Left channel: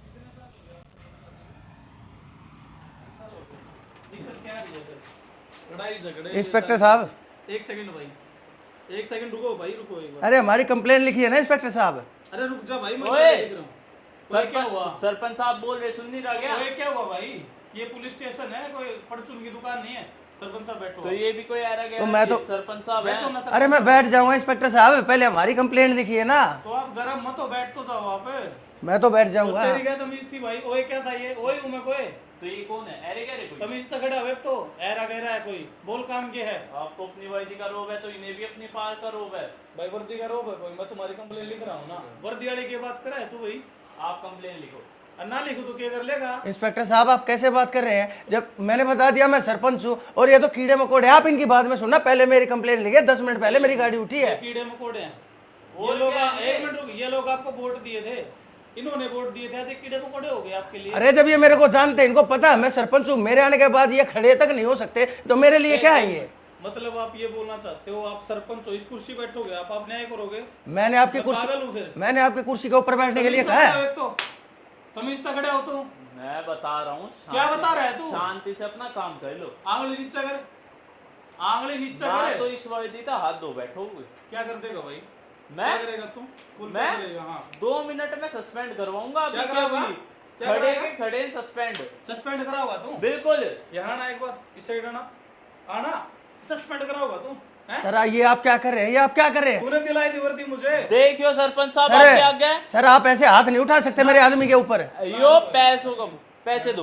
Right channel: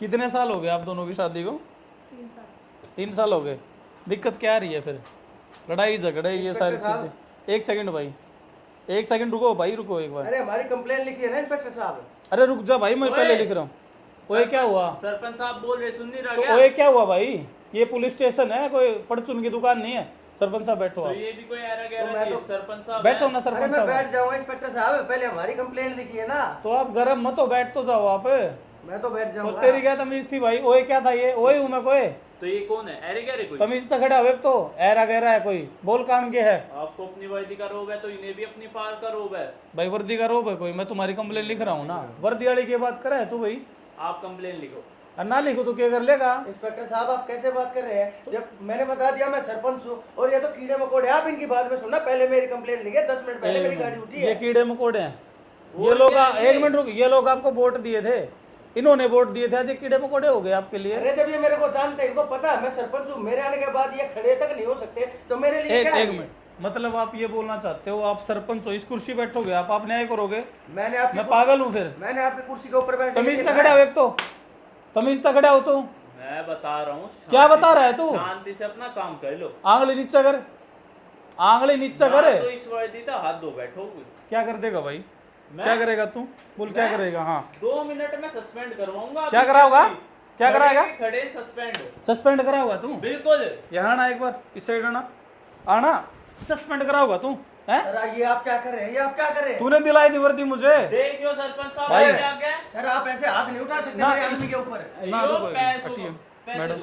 कितने साल हो गए आप दोनों की शादी को? 3 साल हो गए। दिक्कत क्या आ रही है फिर? लड़ाई झगड़े ये इंस्पेक्टर सारी साहब। चीजें। एक सेकंड भाई, एक सेकंड रुको भाई, रुको एक बार। अरे हमारी कंप्लेन लिखी है ना इंस्पेक्टर साहब। अरे रुक जा भाई, मैं पहले लिख रहा हूँ। ओए क्या हुआ? सरपंच साहब बोल रहे, सुन नहीं रहा तो क्या? ओए क्या हुआ भाई? ये पुलिस स्टेशन है, कोई परचून की दुकान नहीं है। सरपंच साहब बैठो तो आप। ये भी कोई एरा गया? तो मैं तो- सरपंच साहब बैठो हैं। ना सरपंच अरे मैं साहब। बैठ जाऊंगा इंस्पेक्टर साहब, पहले हमारी कंप्लेन लिखी है ना। तो आप गरम मत हो, बैठ तो जाओ आप। मैं तो बैठ तो जाऊंगा। तेरी क्या तमीज थी भाई? ओए क्या था ये? ओए हूं मैं कोई? तो ये कौन है? एरे गया रे कोई? तमीज तो खड़ा हुए तो ऐरा गहरा है कोई, बोल काम के है। आपको अपनी वर्दी का रोब है तो इन्हें भी अपनी पार का रोब है। भाई वर्दी का रोब है कोई? मैं तुम्हारी कंप्लेन लिख रहा हूँ ना, वर्दी वाली की बात करे तू भाई। आप कंप्लेन लिखो। और ना लिखो तो क्या कर लेगा? इंस्पेक्टर साहब आप कैसे बात कर रहे हैं? जब मैंने बता दिया मैं सरपंच हूँ और ये तो कीड़े मकोड़े, आप इनकी बात में सुनना। पहले मेरी कंप्लेन लिखे, 10 मिनट पहले मेरी गाड़ी उठी ये है। कीड़े मकोड़े हैं ये और लोग। क्या है ये? एक मिनट रुक, ये लोग आपको वोट दिए थे, इन्होंने वोट दिए थे, आज ये कीड़े मकोड़े हो गए आपके लिए। अरे जब ये मेरे को जानते, इनको पता है मैं सरपंच हूँ, मेरे आने के बाद ये खड़े तक नहीं हो सकते, तो मेरे लिए क्या है ये? मतलब आप ये बोलना चाहते हो आप सरपंच हो, इस कुर्सी बैठोगे आप न्याय करोगे? मैंने आपकी मैं पागल हूँ फिर? मैंने आपकी कुर्सी के ऊपर बैठने के तमीज लिए तो कहा खड़ा हो है। एक तो, तमीज तो खड़ा हो तू। मैं बता रहा हूँ। क्या बता रहा है तू? शांति से अपना काम कर लो। आंगली नीचा कर, आंगली नीचा ना करे। तो इस वर्दी का हाथ दो बैठो। क्या कर देगा भाई? मैं? क्या करेगा तू? बोल क्या मैं? करेगा? हाँ 2 मिनट में सस्पेंड करवाऊंगा। क्या कराओगा? क्या कराएगा? खड़े सस्पेंड। सस्पेंड कराओगा तू? बिल्कुल। यहाँ आना एक बार, इस साइड आना, आना। सस्पेंड कराओगा तू? हैं? सर ये आप क्या कर रहे हैं? ये आप क्या कर रहे हैं? तूने दिलाई थी वर्दी मुझे। देखियो सरपंच साहब अरे, आगे आ गए। सर आप ऐसे हाथ नहीं उठा सकते मेरे आदमी के ऊपर। यो पैसों को पैसे दो,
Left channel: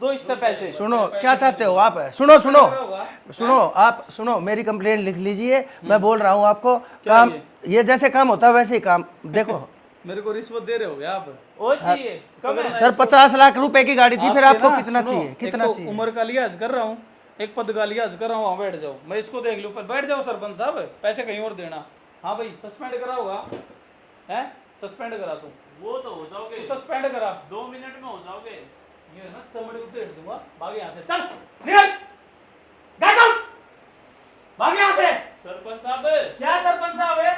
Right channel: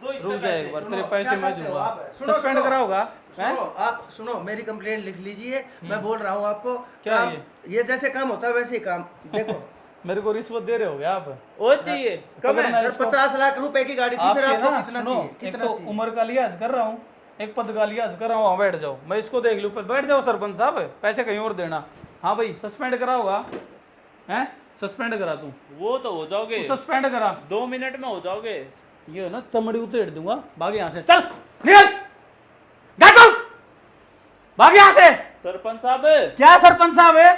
दो इससे रुक पैसे। जाएगा। सुनो पैसे क्या दे चाहते हो दूंगा। आप? सुनो सस्पेंड सुनो कराओगा? सुनो आप सुनो, मेरी कंप्लेंट लिख लीजिए। मैं बोल रहा हूँ आपको क्या काम, ये जैसे काम होता है वैसे ही काम। देखो मेरे को रिश्वत दे रहे हो आप? वो चाहिए कम है। सर 50 लाख रुपए की गाड़ी थी, फिर आपके आपको ना, कितना सुनो, चाहिए? एक कितना तो चाहिए? उम्र का लिहाज कर रहा हूँ, एक पद का लिहाज कर रहा हूँ। वहाँ बैठ जाओ, मैं इसको देख लूँ। बैठ जाओ सरपंच साहब, पैसे कहीं और देना। हाँ भाई सस्पेंड कराओगा? हैं? सस्पेंड करा तू? वो तो हो जाओगे, सस्पेंड करा। 2 मिनट में हो जाओगे। ये है ना, चमड़ी उतेड़ दूंगा। भाग यहाँ से, चल निकल, गेट आउट, भाग यहाँ से। सरपंच साहब क्या सरपंच साहब है?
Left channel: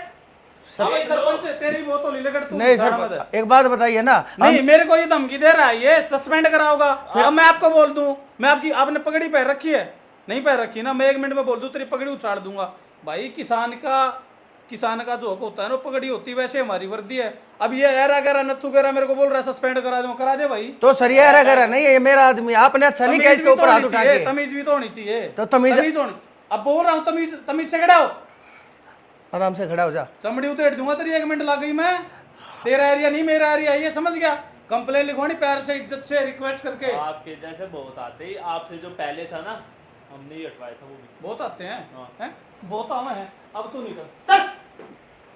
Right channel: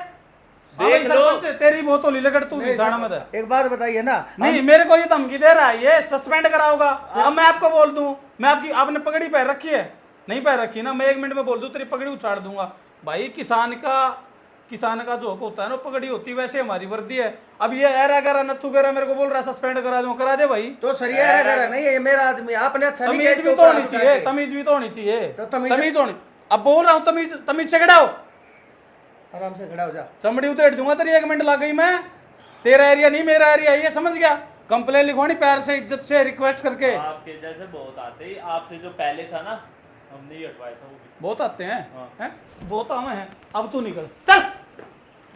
देख लो। सरपंच है, तेरी बोतल ही लगड़ तू नहीं जाना मत है। सर एक बात बताइए ना। नहीं मेरे को ये धमकी दे रहा है, ये सस्पेंड कराओगा। अब मैं आपको बोल दूं, मैं आपकी, आपने पगड़ी पहन रखी है? नहीं पहन रखी ना? मैं 1 मिनट में बोल दूं तेरी पगड़ी उछाड़ दूंगा। भाई किसान का जो हक होता है ना, पगड़ी होती है, वैसे हमारी वर्दी है। अब ये ऐरा गैरा नथु गैरा मेरे को बोल रहा है सस्पेंड करा दूंगा। करा दे भाई। तो सर ये ऐरा गैरा नहीं है, ये मेरा आदमी है। आपने अच्छा नहीं किया तमीज इसके भी तो ऊपर हाथ होनी उठा चाहिए, के। तमीज भी तो होनी चाहिए। तो तमीज होनी। अब बोल रहा हूँ तमीज से खड़ा हो। आराम से खड़ा हो जा। चमड़ी उतेड़ दूंगा तेरी, 1 मिनट लग गई। मैं तेरा एरिया नहीं, मेरा एरिया, ये समझ गया? कंप्लेन लिखवानी प्यार से, इज्जत से, रिक्वेस्ट करके। आपके जैसे बहुत आते हैं। आपसे जो पहले था ना, हमने ही हटवाया था वो भी। बहुत आते हैं, हाँ। हैं? बहुत आम हैं। अब तू निकल, चल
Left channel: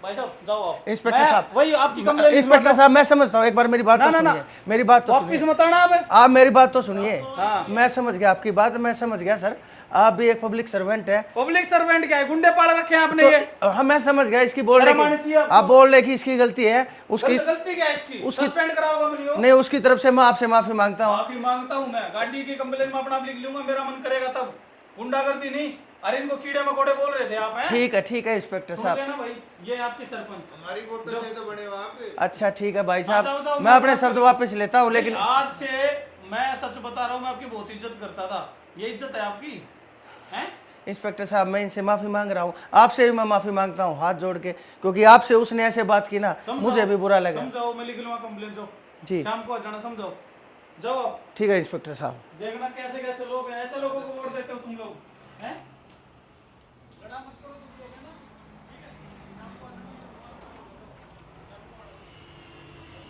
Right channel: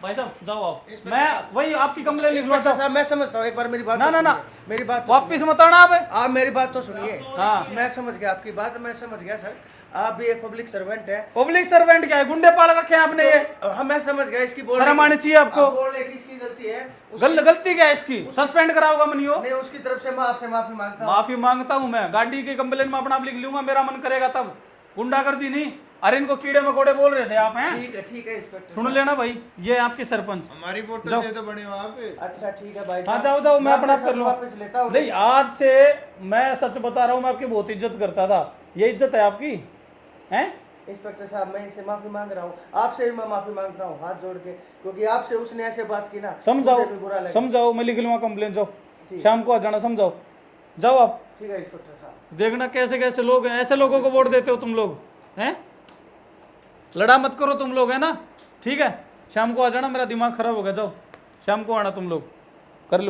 भाई साहब, जाओ आओ। इंस्पेक्टर मैं साहब, वही आपकी कंप्लेन इंस्पेक्टर साहब मैं समझता हूँ, एक बार मेरी बात ना, तो ना, ना। सुनिए। मेरी बात तो वापिस सुनिए। मत आना अब। आप मेरी बात तो सुनिए। हाँ। मैं समझ गया आपकी बात, मैं समझ गया सर। आप भी एक पब्लिक सर्वेंट है। पब्लिक सर्वेंट क्या है? गुंडे पाल रखे हैं आपने ये। हाँ मैं समझ गया, इसकी बोल शर्म आनी चाहिए आपको। आप बोल रहे कि इसकी गलती है, उसकी गलती क्या है इसकी? सस्पेंड कराओगा बनियो? नहीं, उसकी तरफ से मैं आपसे माफी मांगता हूँ। माफी मांगता हूँ मैं, गाड़ी की कंप्लेन में अपना आप लिख लूंगा, मेरा मन करेगा तब। गुंडागर्दी नहीं। अरे इनको कीड़े मकोड़े बोल रहे थे आप, हैं? ठीक है इंस्पेक्टर सुन साहब। लेना भाई, ये आपके सरपंच। हमारी वोट जाओ। दे तो बड़े हो आप। अच्छा ठीक है भाई जाओ, साहब, जाओ, मैं अपने बात शब्द करूंगा। वापस लेता हूँ। लेकिन लेकिन आज से मैं सच बता रहा हूँ, मैं आपकी बहुत इज्जत करता था। ये इज्जत है आपकी, हैं? इंस्पेक्टर साहब मैं इनसे माफी मांग रहा हूँ, आपसे भी मैं माफी मांगता हूँ हाथ जोड़ के, क्योंकि आपसे उसने ऐसे बात की ना, मुझे भी बुरा लगा। समझाओ, मैं लिख लूंगा कंप्लेन। जाओ जी। शाम को आ जाना, समझाओ। जाओ आप। ठीक है इंस्पेक्टर साहब। देखना कैसे कैसे लोग हैं, ऐसे लोगों को वोट देते हो तुम लोग, हैं? लड़ा मत करो तुम लोग, है ना? ठीक है, शाम को आ जाना, मेरा दिमाग खराब हो गया। जाओ शाम को आना तुम लोग।